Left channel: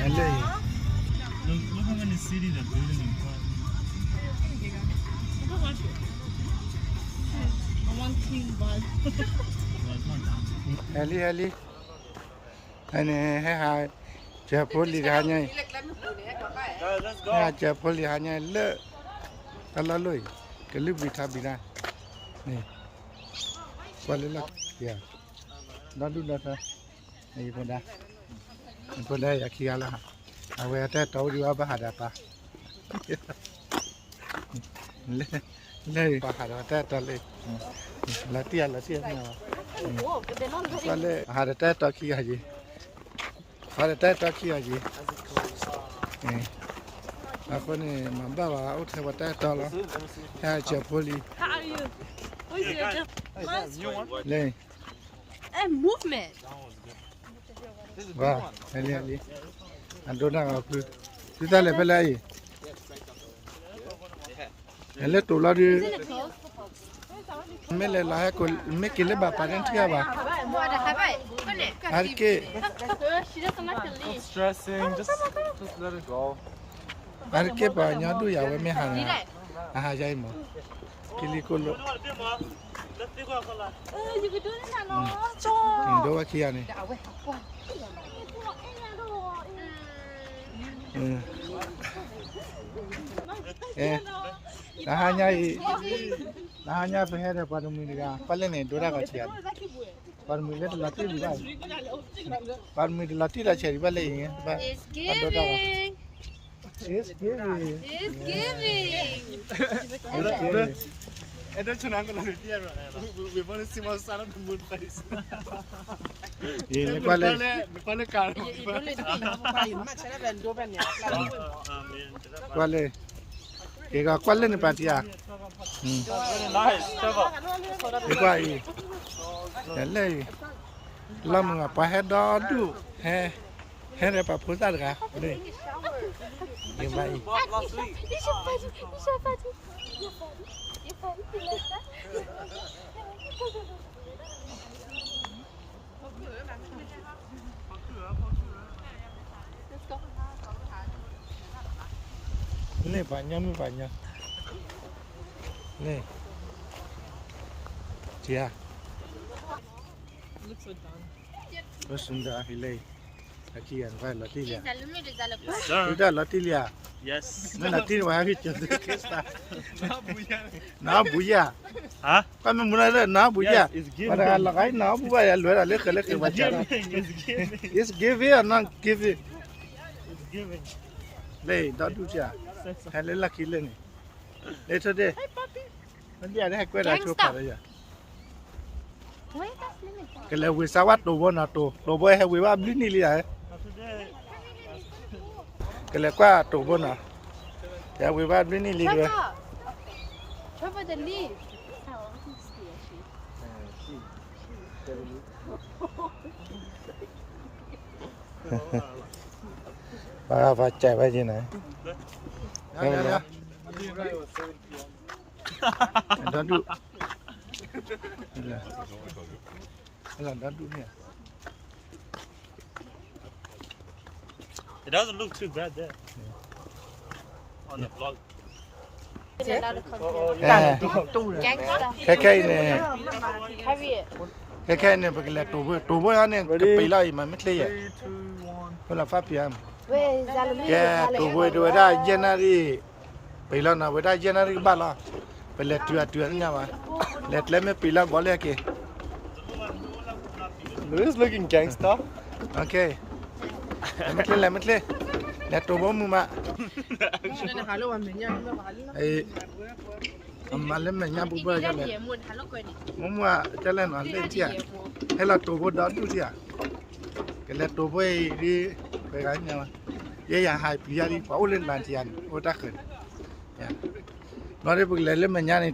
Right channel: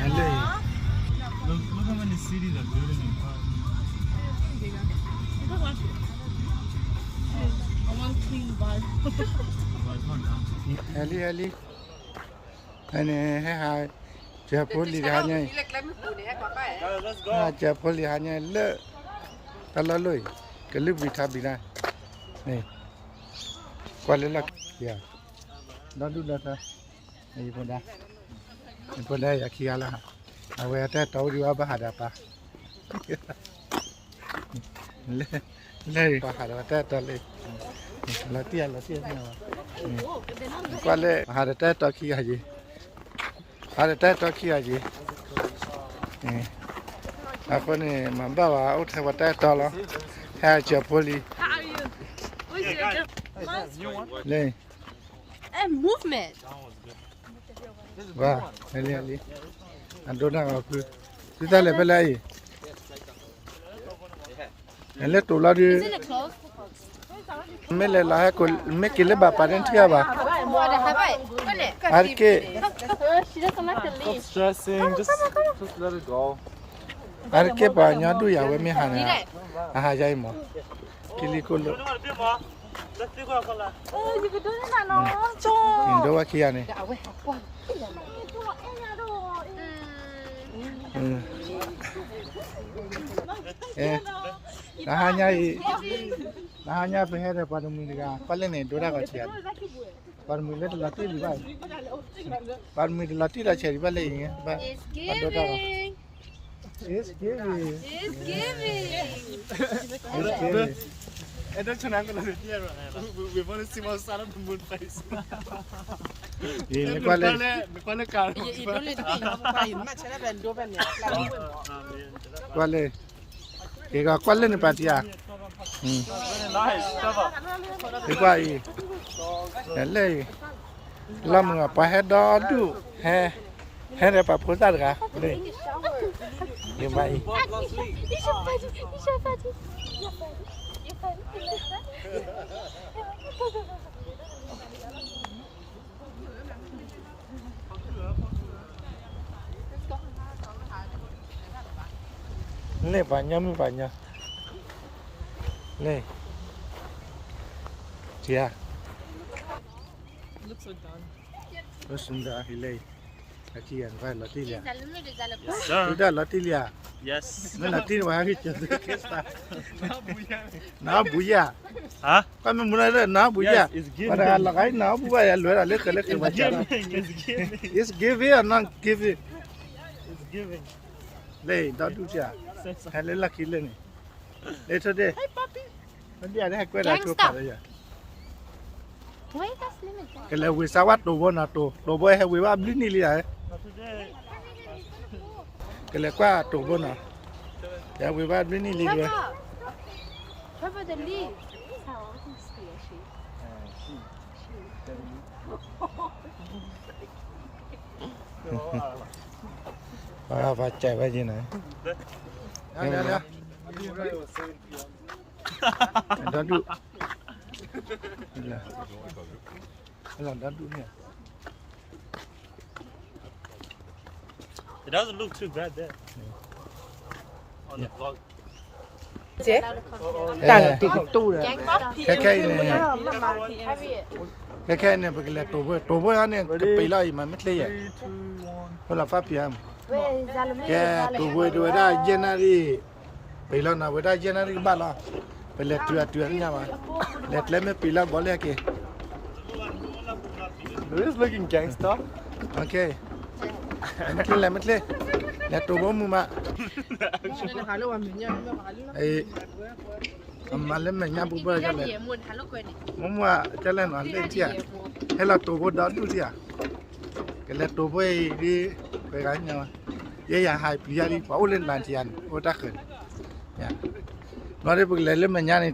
Hello. Look how many cities they're building in Prague. I want clean bag. Well, it's not done. Hello. Anh hai chè phô lì hà nhai. Let's go. Chè phô lì hà nhai lợ. Ta la lôi. Cái lúc bị thà bị ra. Này. Qua lên là kìa. Đó đúng đó thôi. Này bên đây. Bên đây là kia là. À về tới tàu đi qua Hà Đà lên ba Hà Đà tới tàu lên. Là tia nào. Qua lên Hà Đà tới tàu kia gì? Hà Đà tới tàu kia gì? Aku ni membawa out lewat tol lah. Hai Japoli. Le. Movement. Wah, ali. Andona aku. Kita level lagi. Ele tu lah di. Mele lah aku mekile bapa dan siapa ba? Arke. Stop stressing. Just let it go. Arke banyak tu ya, we hana. Aha jai mo. Kili kolo. Indo wa kia ni. Nahanya perhera pada mula. Paling ni dora kacau. Pada mula tu latih di bawah. Pada mula latih dah cari balik ni. Pada dora. It's giving. I don't turn on the video. We want to see more sun of the moon face. Ini kuala. Kuala. Ega kuala ni patia. Ikuai. Hele. Lama apa head tu? He apa pusat kah? Le. Gimana? Ni banyak. Ni. Cia. Terus sudah hilai. Latihan, vai latihan. Sudah latihan. Yes. Mana latihan habis tu. Na buya. Huh? Kami mula dah na buya. Yes, it's giving. Pada lagai na buya luar alih kelak It's baca. giving. It's giving. Is give or not give it? It's giving. Le, dah tu cia. Hele laki le ni. Le tu deh. Nanti ada aku dah cuba pada ya. Kalau wisawat tu bona tu boleh wiwa beli ni lihat. Kalau kau tu bona, ya wiwa beli ni lihat. Apa cakap aja ni? Ya. Dah tu. Dah tu ni. It doesn't look too bad there. On the vlog. Cái này bởi là tổ bơ anh này cái bì lại mà mất lấy vậy. Đó là pháp hiểm. Cái tổ bơ đuổi ra January. Bì lại nào đuổi ra January ba lo. Bởi là tuyệt nha mà. Let lấy mấy bì lại bỏ lại kìa. It is looking gangster. Okay. Mất lấy. Là tổ bơ mu mà. Ấy. Mà lên mình nha bố bơ cho lên. Mua cho lên nó lên chia. Hay là tổ bơ đó đủ chia. Cái là tổ bơ đi cái gái nhau. Vậy là hai bây giờ đi pháo lên bàn tiền, ô đắc rồi. Nó đi bực lên mình nha này.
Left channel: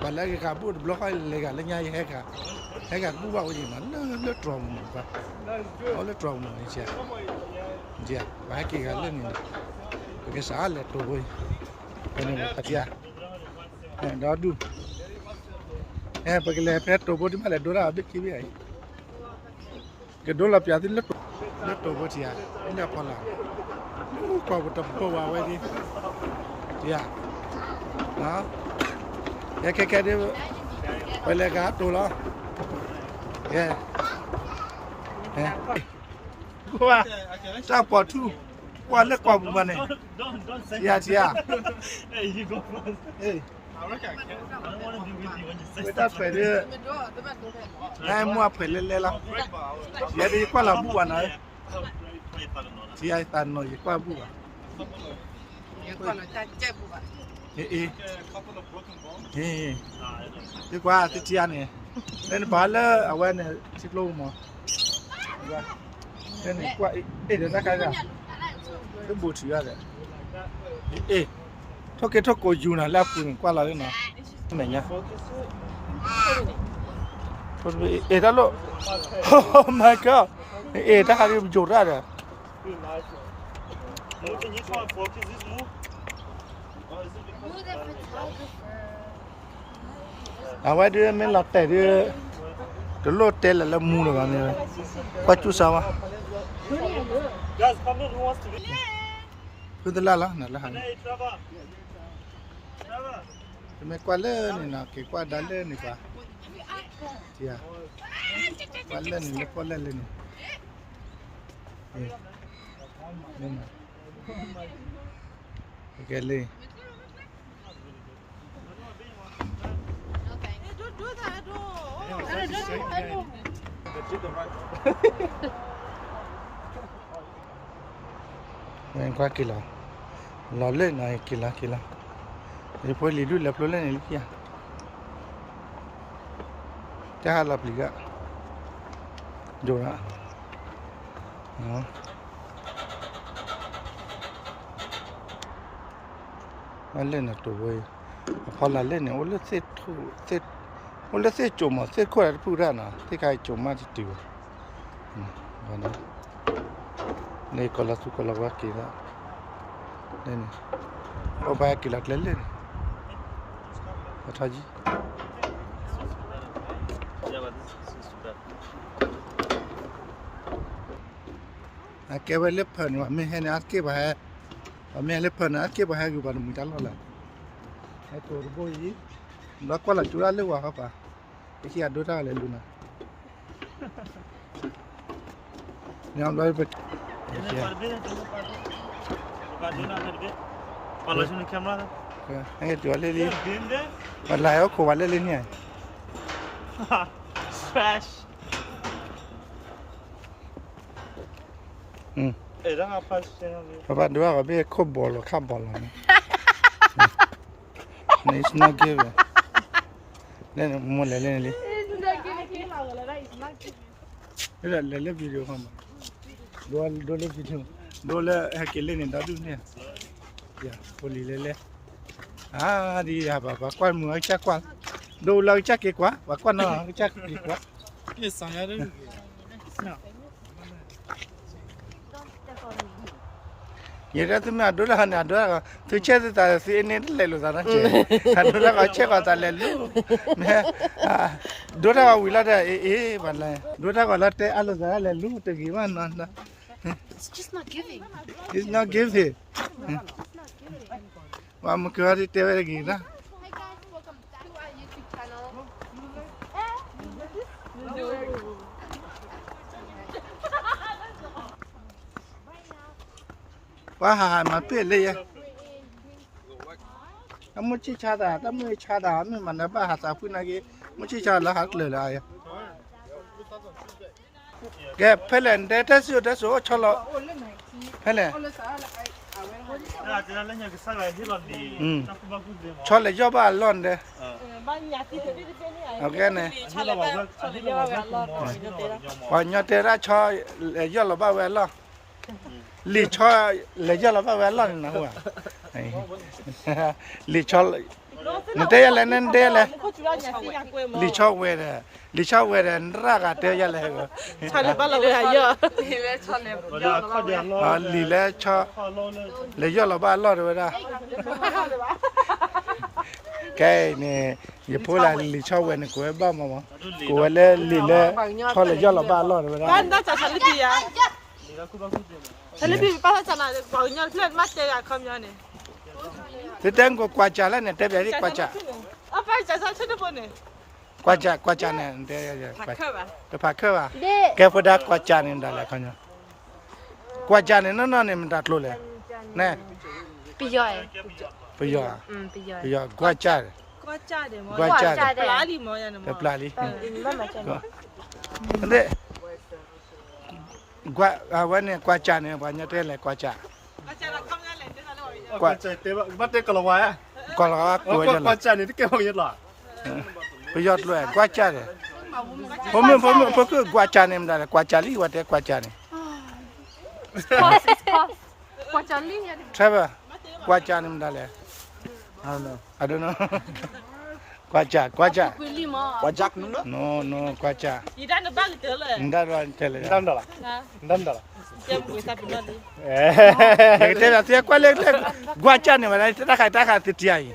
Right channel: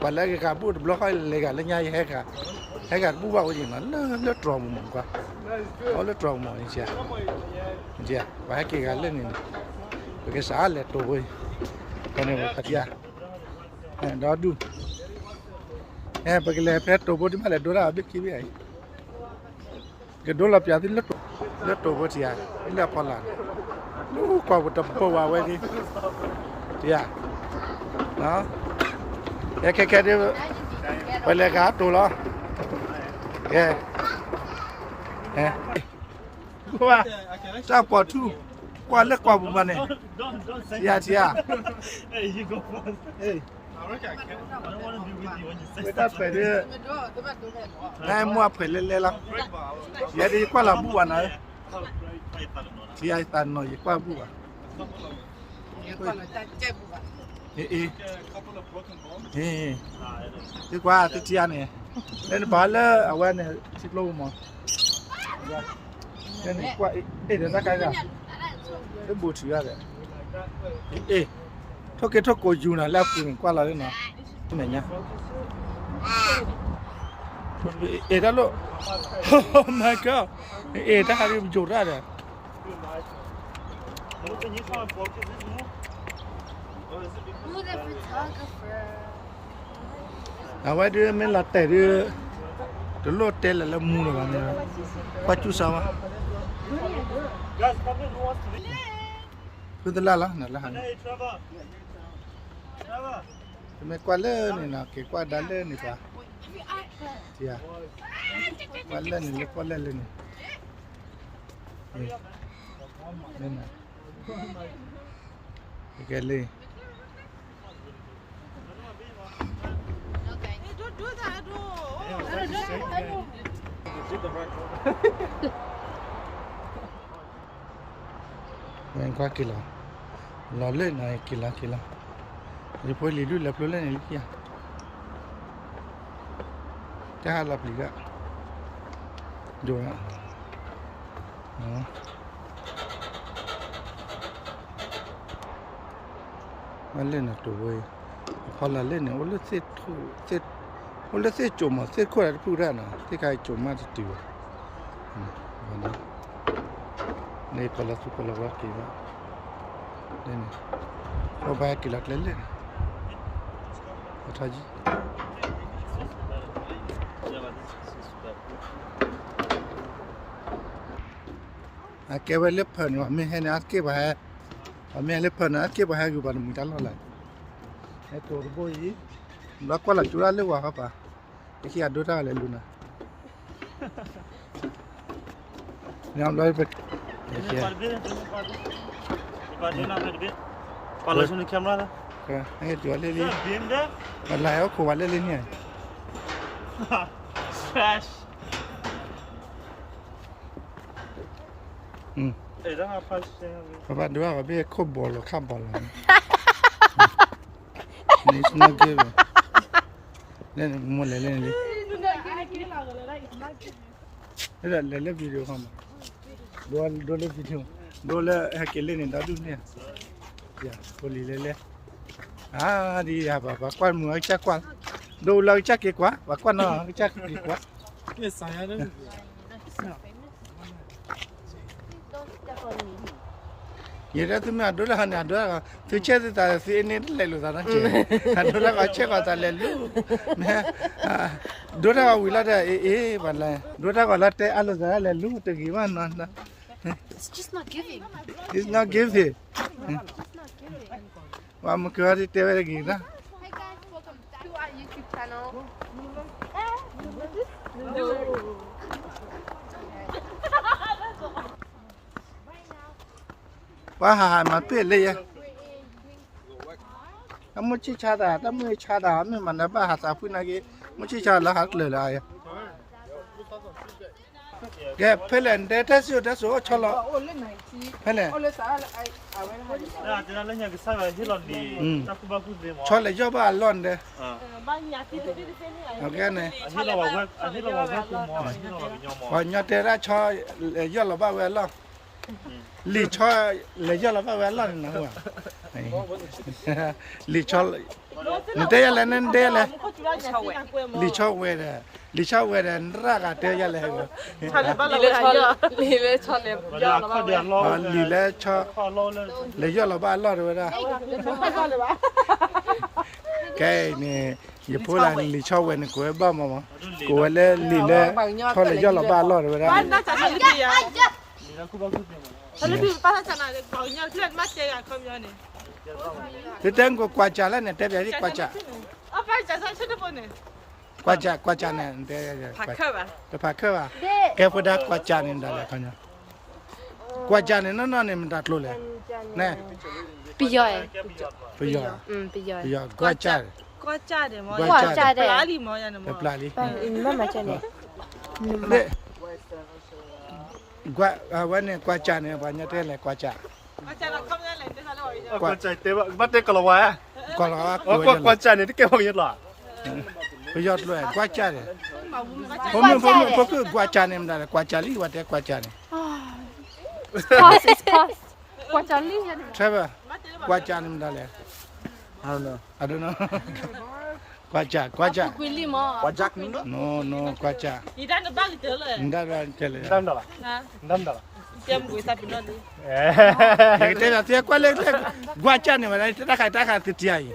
Còn lại cái cà bút block hay lấy cả lên nha hay cả bút bao gì mà nó tròn mồm quá. Nó tròn mồm này chia. Và cái gái lên này. Cái xã là tổ bơ. Còn này một chia. Đó đủ. Bởi cái phép tổ bố đi mà lại đô la biết kì bị ấy. Cái đô la bia thì lứt. လက်တော်ဖို့တရားလက်ပေါ်လာဘူးကောဘတ်ပေါ်ဝါဝဲဒီတရားနော်ကဲဒီไปเลยครับตัวล้อแกกูว่าเจ้าปอทูกว่าเล็กกว่าบุมันเนี่ย Don't say อย่าเสีย Hey, you go first. เอ้ย I don't want to be with you when you say ไม่ต้องไปเด้อนายมัวเผลเล่ๆแล้วอย่าดีกว่าละบุวันนะที่ไอ้ตันหน่อยกว่าบุอ่ะเอ๊ะดีกว่าที่เจียเนี่ยเล่นบอลเลยเอาไว้เนี่ยชิบลูกมั้งเล่นกว่าเดี๋ยวนักการเล่นบูชีอะไรทุกโกยูนะแล้วปุ่นกว่าเราเลยนะไหนเนี่ยถ้าลูกโอ้ my god ถ้าใครไปจุดได้เนี่ย เอาไว้ด้วยไม่หลับแต่ด้วยตัวโลดเตะแล้วมูเลยวันนี้ปัจจุบันวะ Guys, come in. Who wants to be? คือตลาดละนั่นละฮะ Hey, Trevor. Trevor. ทำไมกว่าเล่นี่นะเกี่ยวกับดัลเล่นี่ปะเจ้ากว่าเล่นี่เล็กกว่าเล่นี่นี่นะแกเลย Don't do that. Mình qua kìa lò lên này kìa rồi phải lì đuôi lập lên này kia cha lập lì ạ rồi ạ đó nó lên là trụ về họ là lên này ôn lết xếp thu xếp ôn lết xếp chùm mà xếp khỏe phụ ra nè thế cái chùm mà thì tiêu và đóนี่ก็ละสุกละวัดกี่ละนี่เอาไปกี่ละเล่นเลยมาทำจี Yeah, but this is bad. อาเก็บไว้เล็บเพิ่นว่าไม่ให้นะเก็บไว้ไม่ให้เล็บเพิ่นนะเก็บไว้ให้อยู่บ้านมึงจังละไอ้ตัวบ่อยแล้วก็ละจุฬาเลยว่าครับป่ะไอ้ที่อัดดูได้เลยลูนะเนี่ยเราไปFollow the camera. ไอ้ตัวเล่น Been there? มันลายก็ขวานเล่นเนี่ย Trash. Hey, don't have flash. เพราะว่าดูว่าเขาไม่คบบอลหรือข้ามบอลหรอกนี่สนุกเกินเลยเล่นหมดเลยเล่นเลยเล่นวิดีโอเข้ามาดูเล่นวิดีโอดูเล่นให้เกลี่ยนี่ดาวดูเนี่ยอย่าพอลีเล่ดีอ่ะบ้ากวนมือจักกวนดูเราจักกี่กว่าบ้ากวนเนาะจักกี่กว่า Yes, I had it. ये तो मैं डोला हना डोला तू चेत ता से ने ले लो ता चे डोला का चे का ता ले लो मैं डोला का विला दे बल्ला डोला का लटे आलो ता ले लो ते की वन ना It's just not giving. it's not give it wa mu ka ri te ve gi na Hi guys, welcome back to our YouTube channel. wa ha ma pe le ya amu chi cha da ta mu cha da me man ba ha sa pu na ge mu chi cha la ha le la ya ge phelen de ta so cholo phelen Yeah, can I let you say I hear on the Takubaku demo? chole jo ba lon de I okay ne hear our work. I hear our work more. I hear our video more. wa nya te ra cho le yo lo ba we lo li cho le yo lo ba we lo na wa li cho ne te ya le ne de le li cho we de ra ga te ya le go But they are caught their law. li le cho Law. le yo lo ba lo de ra cái này giờ phố là lì cho quên của ba mà của le lì le cho le do là ba lo rồi đó Kalau pergi pasal sana, banyak lihat mata ya kami ni. Kita ngo kwacha lah ni, tapi ada kwacha. Apa jasa sudah pun ni? Kwacha ni, dia Pakai bah. pakai bah. Kau dah kwacha ni dah lah kau. Kwacha ni nana ni minta tolong le. Nah, Pijak. pijak, Pijak. pijak kwacha. Kuaca deh mau. Kuaca. Pelali mau yang mau. Pelali. Ini macam ni. Ada. Awan ni kwacha ni banyak tu le kwacha. Kuaca nak kami yang lain sana. Kwacha teba, mate kalau wah. Kalau Oh, kwacha ni dia kau ingat lah. pijak tu le kwacha le. Pom kwacha ni dah le kwacha li, wat kwacha ni. Kos is kos. Kuaca ni yang. Siapa? Kwacha ni dah le. I don't know. Kwacha. Kuili mah. No, kwacha. Ida nak balik tu lah. Ndak cele. Dam dah lah. Ha. Dam dah lah. Jam gue tapi nanti. Kita dah tiap kali kwacha ni mana kita dah tiai.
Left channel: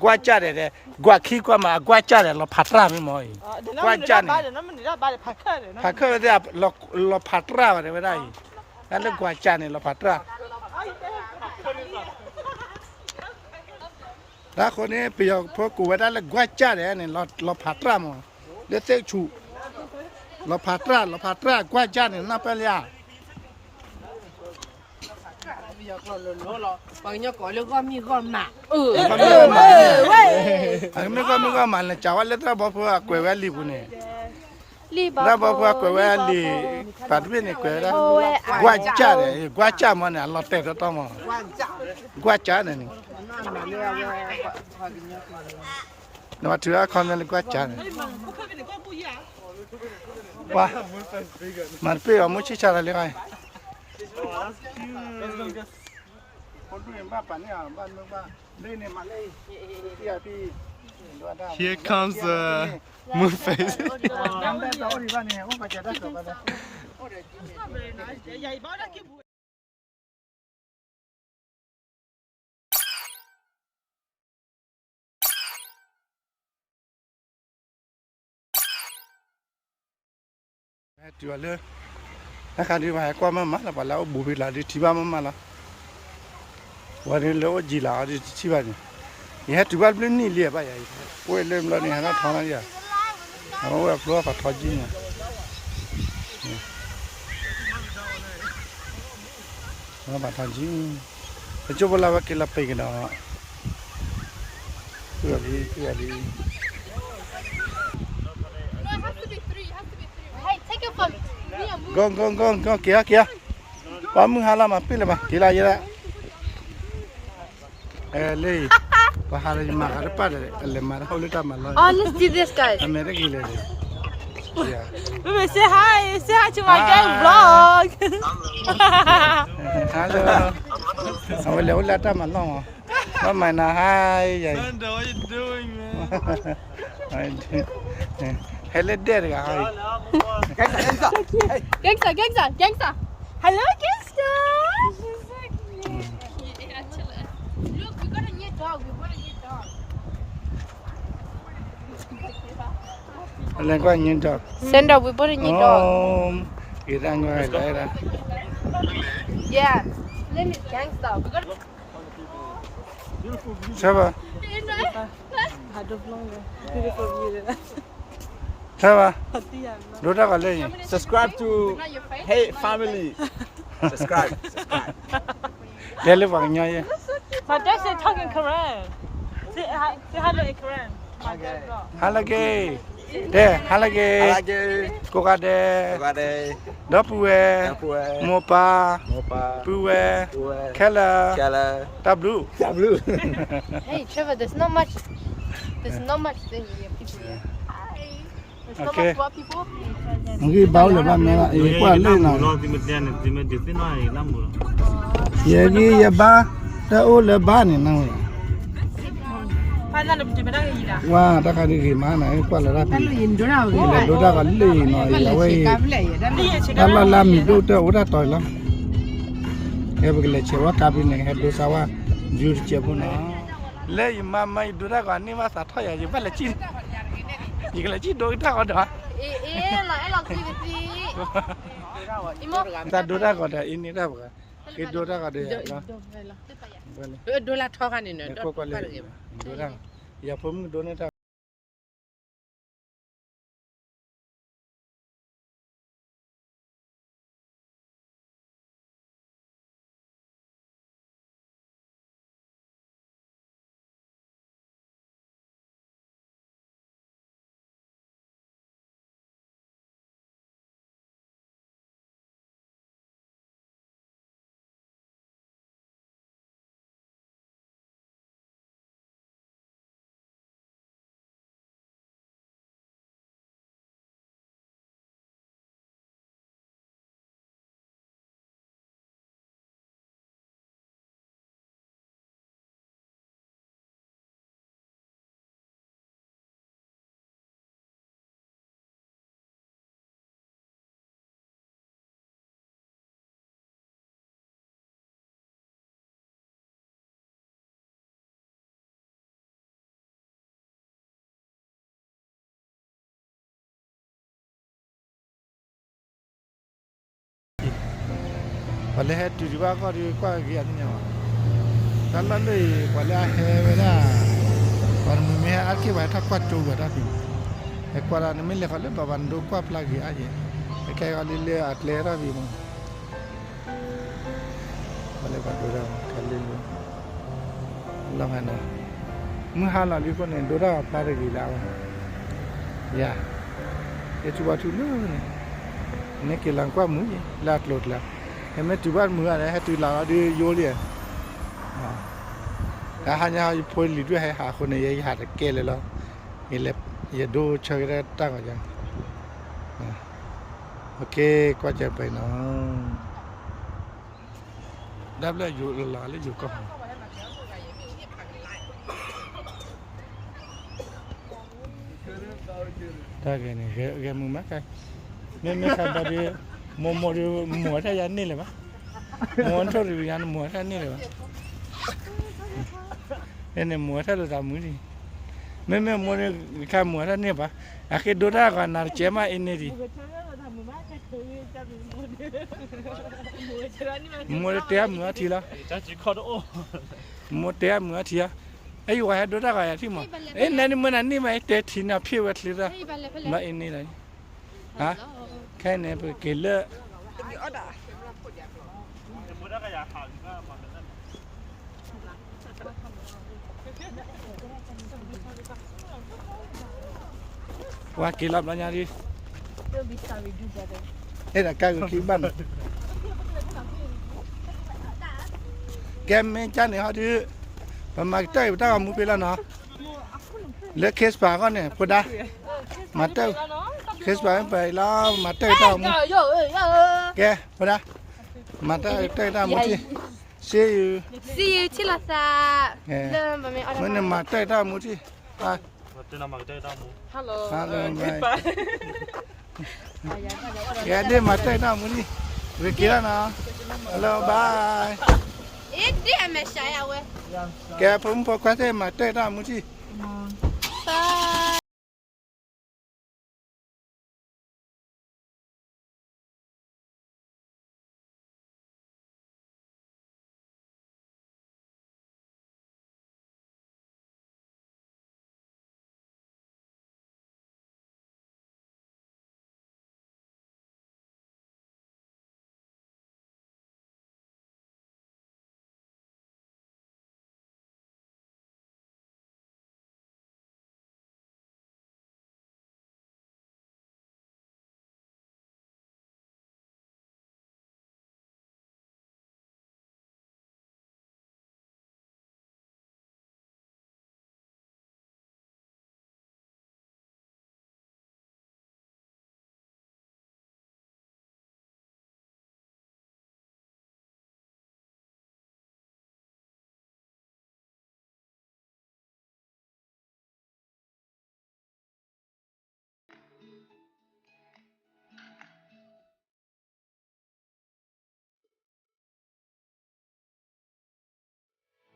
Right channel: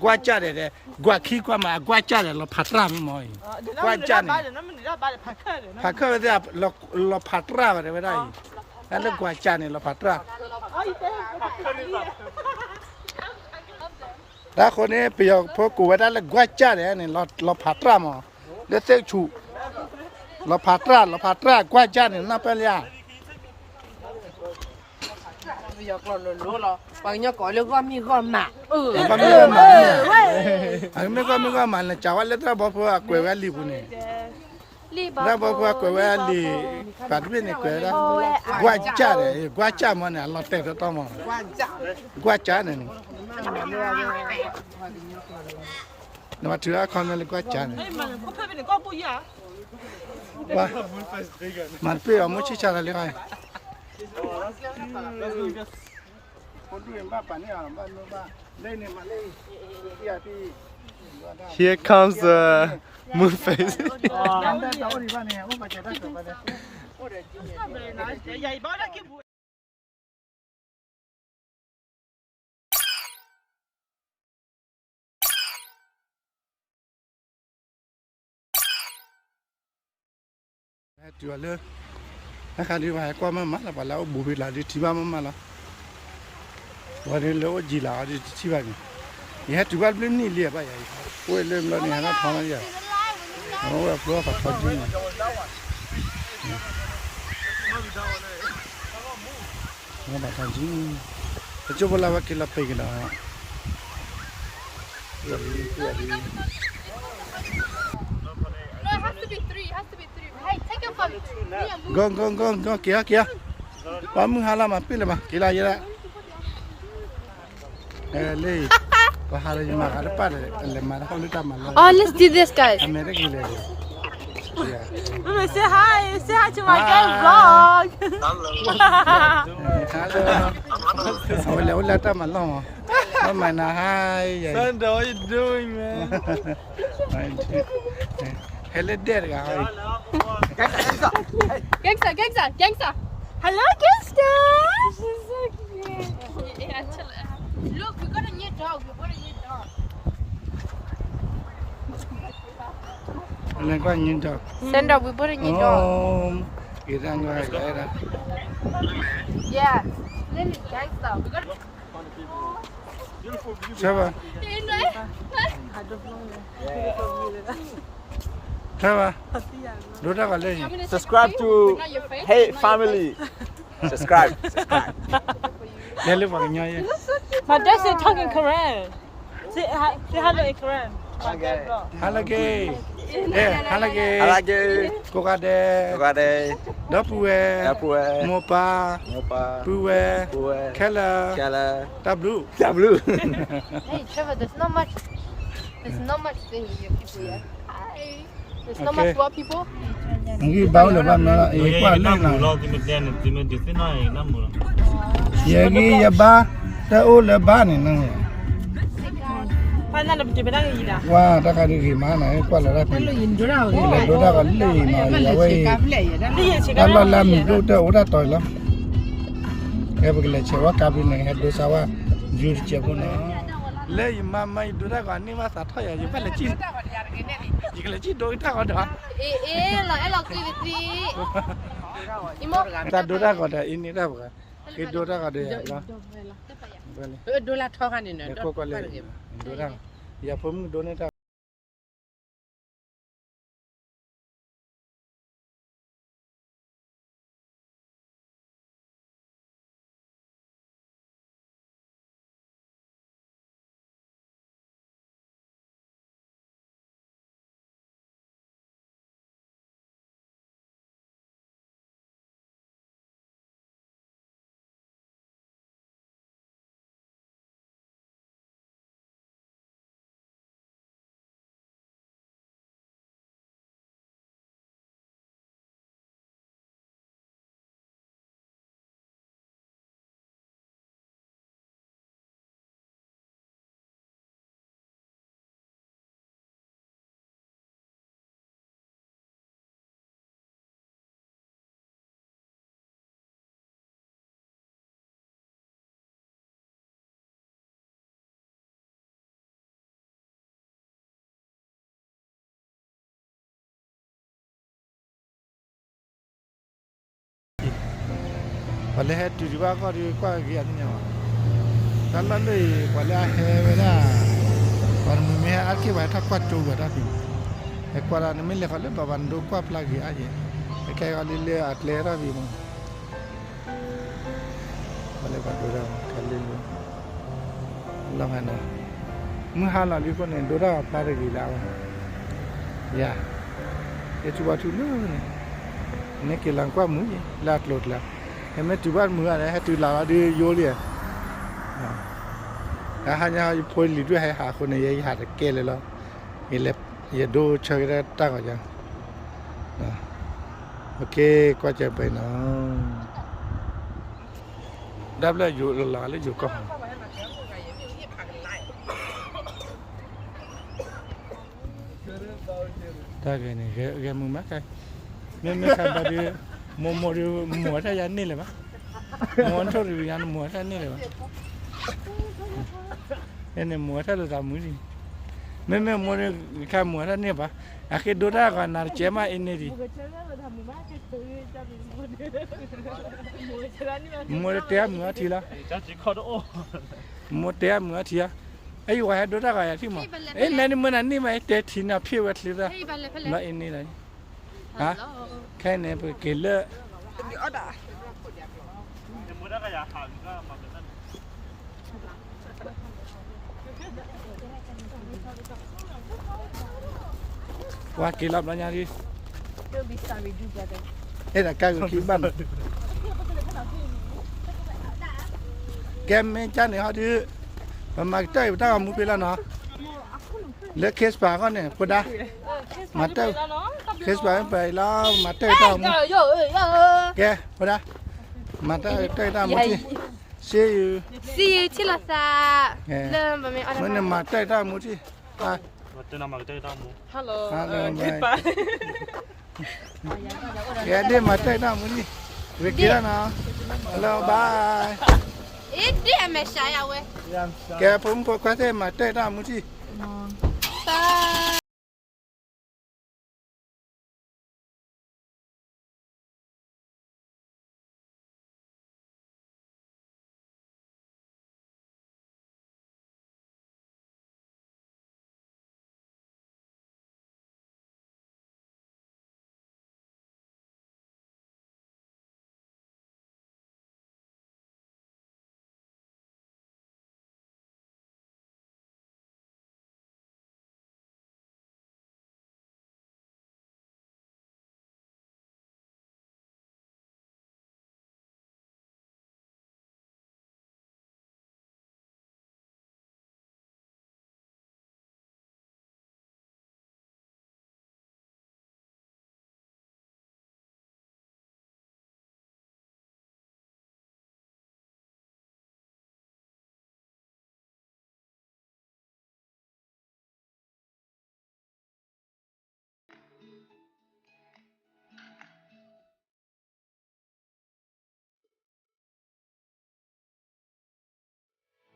Kwacha de, gua ki gua ma kwacha de lo patra mi moi. Kwacha ni. Pakai dia lo patra de berai. Kalau kwacha ni lo patra. Dah kau ni piak pokok ada le kwacha de ni lo patra mo. Dia tak cu. Lo patra kwacha ni napa liya. Banyak kalau kau mi kau mak. Kau mi kau mak ni ya. Mi kau mak le cawal le tu bapa aku wali pun ni. Dah bapa aku wali. Tapi ni aku dah. Kwacha mana Allah tak tahu mana. Kwacha ni. Nama tu aku ni kwacha ni. Wah, mana amu cica lagi kan? Here comes the moon face. Jual le. Nak di mana? Kau mana lah? Balau bubi lah di tiba mana lah. Wadah le ojila di tiba ni. Ni jual belum ni lihat apa ya? Kau le belum ni hana thana ya. Awak keluar patah je ni. Awak patah je. Cuba lah wakil apa kita awak. Tuari. Gong, kia. Kamu halam apa le bah? Kila je lah. Le. Bahar je marah apa le marah oleh tak malah. Oh, let's do this, guys. Amerika gila le. Ya. Say hi to my gang vlog. Hello. Oleh tak malah. What mana hai? Sandra, what you doing, man? Hello there, guys. Gangsta. Hello, Gangsta. She's so cute. Yeah, chill out. Look, we got a new dog. Lengkau nyintok. Sandra, we bought a new dog. Oh, irang gaya. Yeah. Name is Gangsta. We got. Siapa? Siapa? Dua kali. Subscribe to Hey Family. Subscribe. Jadi bangnya ya. My dad said talk in Korean. Say hello in Korean. Halage. Halage. Kokade. Dapue. Mopa. Pue. Kala. Tablu. Hey, Trevor, there's not much thing here, people here. There's not Okay. much what people. Mungkin bau lepas mana? Kuat le na. Yagi ya ba. Dah lepas ni nang. Pana lebih cepat lagi lah. Wah, tak kan ni mana? Kuat le rapi. Dua kali le na. Kalau lami tu udah toy lah. Kaya begini cewa kabi ni head sawa jur cewa na. Le mama itu dah kan ni masa toy aja. Balik cin. Jika cin doi tak ada. Lah, elok kiri. ta dora ko da ini da ba ke dora ka de ya la bale $1 ထောက်ကနေနော် ko ko le dora ya pom donate Wala het tu ba ko ri kwa gi an nya tan la le wala he we la par me a ki ba tha kwa tu ba da pi e kwa ra ne me le fa le ba ban do kwa pla gi a je e kai ga le at le ra bi mo wala ba do ra ka le lo la ha na mu ha la li ko ne do ra pla re gi la ba ya e tu ba tu ne ke lang kwa mu la tlot la em tu bắt mưa này hay tu là đi vô liền à hai nhà phơi lì đuôi hay hạคนnày hạt kêเลยlo ये ले ये दो chơi ra ta gọi chẳng ok qua chơiไปnó đáp lại dù là lấy dù con ta cái này cái mưa mát cái mấy cái bà đi mua ra nhà này là mua thôi thì nhà mua ra này là cái này mua ra là làm cái gì mấy mua cái mua ra này à cái đồ ra cái nào chế mà in này đi mua té mua thì là mua té mua thì à ấy vậy đồ ra cái gì mà ấy này mua này mà té thì nào phiêu vậy là là in này là hả cái này phải kể lợ qua kể lợ bao nhiêu đi đây là cái kỹ bẩn kem cha này họ đi mà chơi ta mua cái là nó lấy case bà con này phụ đa mà chơi case bà phải lo mà chơi tao mua kìa phụ đa mà chơi tao mua gì see you chilasa lên và mình ở đây mà chơi tao mua gì à Hello. goodbye kìa đi mà chơi tao mua gì về kia nào hello bye ít đi em mẹ sai à we kìaผมqua thế mà chơi tao mua gì bye